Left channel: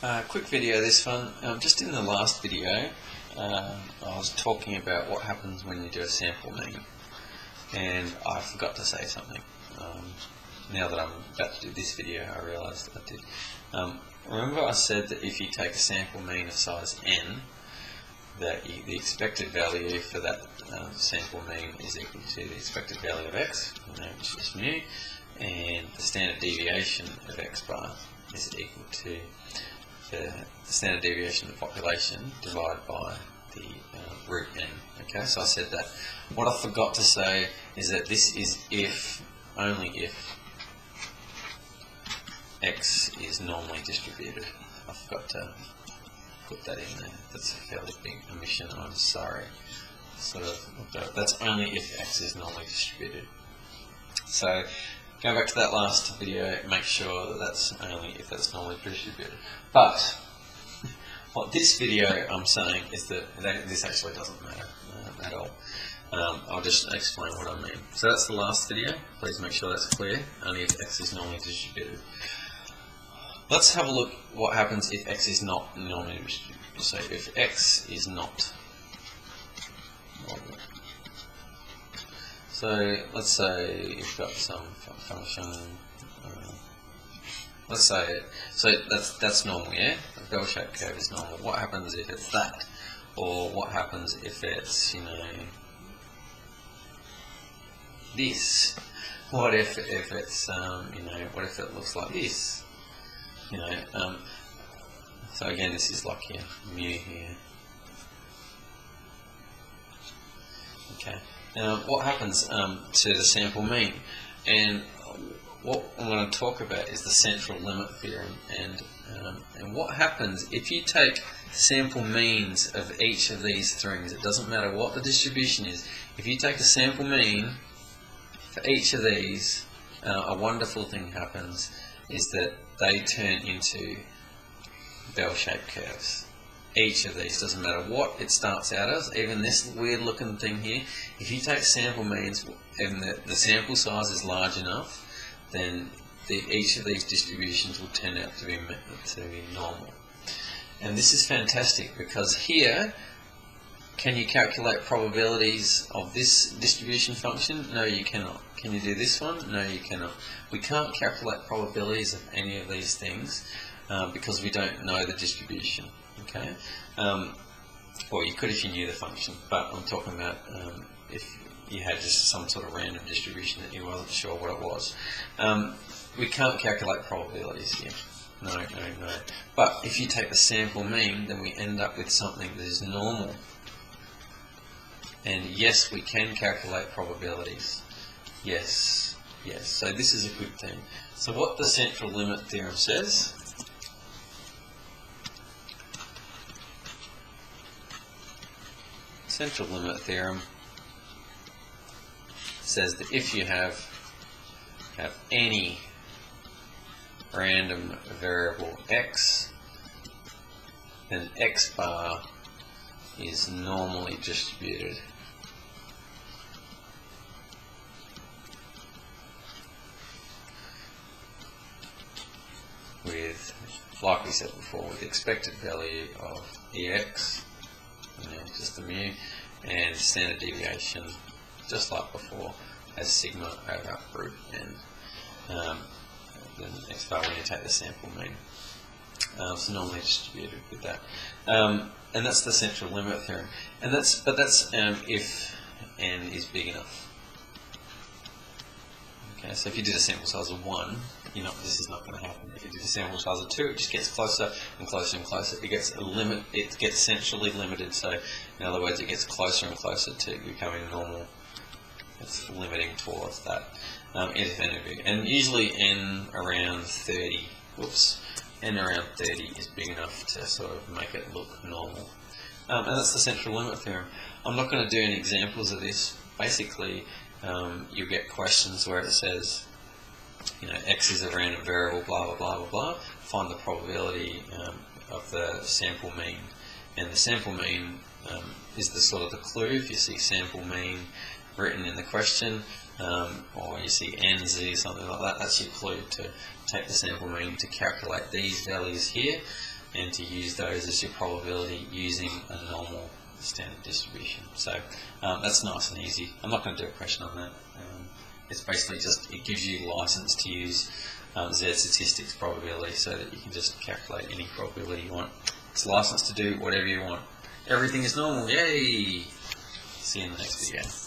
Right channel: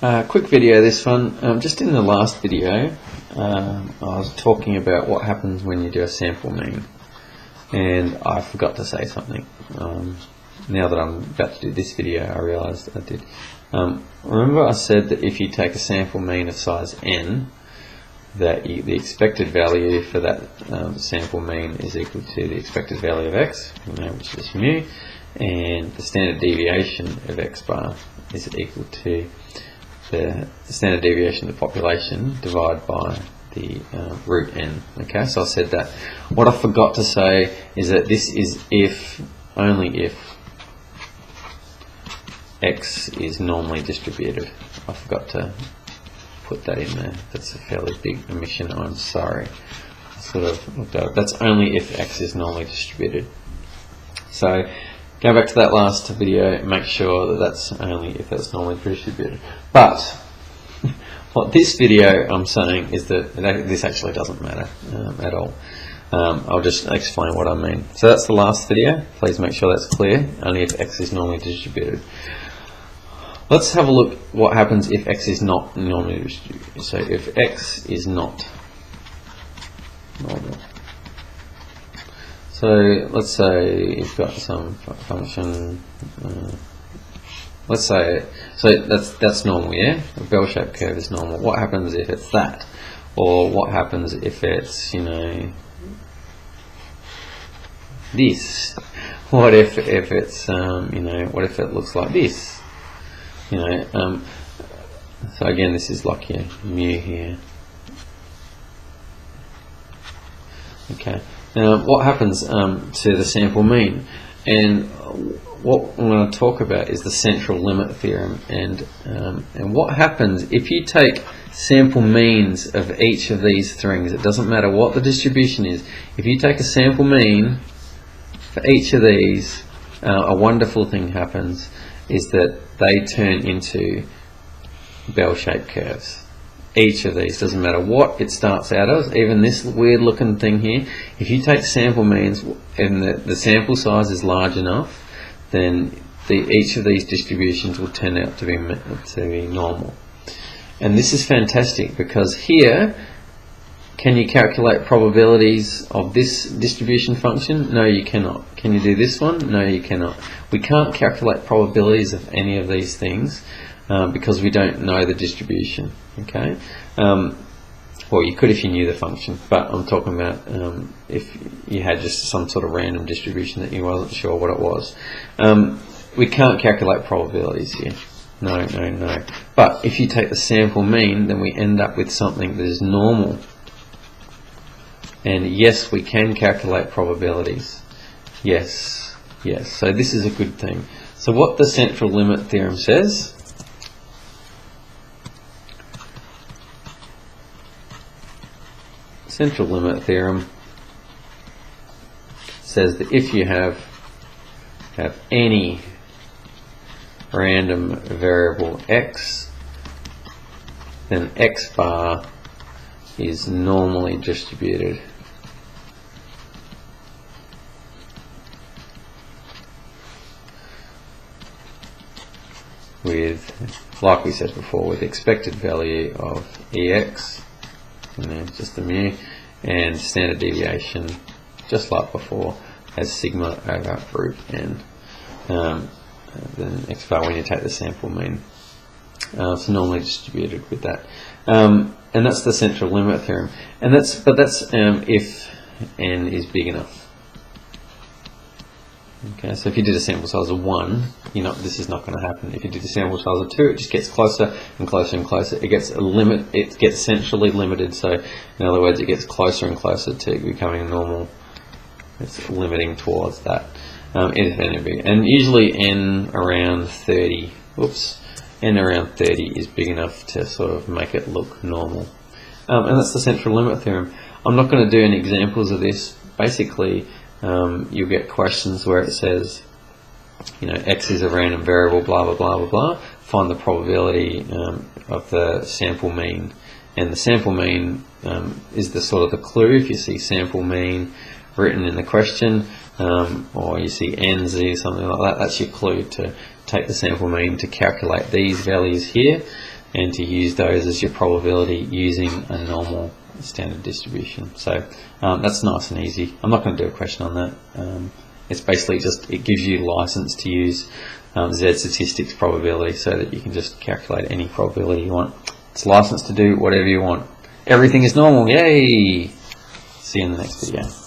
Quick video this one. Just in the last video I was talking about what happens when you do a sample mean, and I forgot to say something. Now that I'm about to do this video I realised I did. Remember I said that if you take a sample mean of size n, that the expected value for that sample mean is equal to the expected value of x, which is mu, and the standard deviation of x bar is equal to the standard deviation of the population divided by the root n. Okay, so I said that. What I forgot to say is that this is if, only if, x is normally distributed. I forgot to put that in there. That's a fairly big omission, I'm sorry. Sort of looked over. That's only if x is normally distributed. So go back to that last video, make sure that that's only if that's normally distributed. But what this video I'm saying is that this actually doesn't matter at all. I'll just explain what I mean. So that's the last video. Please make sure that's clear. Only if x is normally distributed. Let's have a look what happens if x is not normally distributed. So if x is not normal. So let's say you've got some function. Let's say that's normal, yeah. A bell-shaped curve is normal. What happens if it's that, or what happens if it's this? What if it's what if it looks like this? So again, this is like your mu here. Okay. Now, what happens to the sample mean? And what I'm going to talk about is the central limit theorem. And what happens if you take sample means of each of these things? It doesn't matter what the distribution is. If you take a sample mean for each of these, a wonderful thing happens, is that they turn into bell-shaped curves. Each of these, doesn't matter what it starts out as, even this weird looking thing here, if you take sample means and the sample size is large enough, then each of these distributions will turn out to be normal. And this is fantastic because here, can you calculate probabilities of this distribution function? No, you cannot. Can you do this one? No, you cannot. We can't calculate probabilities of any of these things because we don't know the distribution. Okay, well, you could if you knew the function, but I'm talking about if you had just some sort of random distribution that you wasn't sure what it was. We can't calculate probabilities here. No. But if you take the sample mean, then we end up with something that is normal. And yes, we can calculate probabilities. Yes. So this is a good thing. So what the central limit theorem says, central limit theorem says that if you have any random variable x, then x bar is normally distributed with, like we said before, with expected value of ex, just the mu, and standard deviation, just like before, as sigma over root n. Then x bar when you take the sample mean. So normally distributed with that. And that's the central limit theorem. And that's if n is big enough. Okay, so if you did a sample size of 1, this is not going to happen. If you did a sample size of 2, it just gets closer and closer and closer. It gets it gets centrally limited. So in other words, it gets closer and closer to becoming normal. It's limiting towards that. If n is big, and usually n around 30. N around 30 is big enough to sort of make it look normal. And that's the central limit theorem. I'm not going to do any examples of this. Basically, you'll get questions where it says, x is a random variable, blah, blah, blah, blah, blah. Find the probability of the sample mean. And the sample mean is the sort of the clue. If you see sample mean written in the question, or you see NZ, something like that, that's your clue to take the sample mean to calculate these values here. and to use those as your probability using a normal standard distribution. So that's nice and easy. I'm not going to do a question on that. It's basically just, it gives you license to use Z statistics probability so that you can just calculate any probability you want. It's licensed to do whatever you want. Everything is normal. Yay! See you in the next video.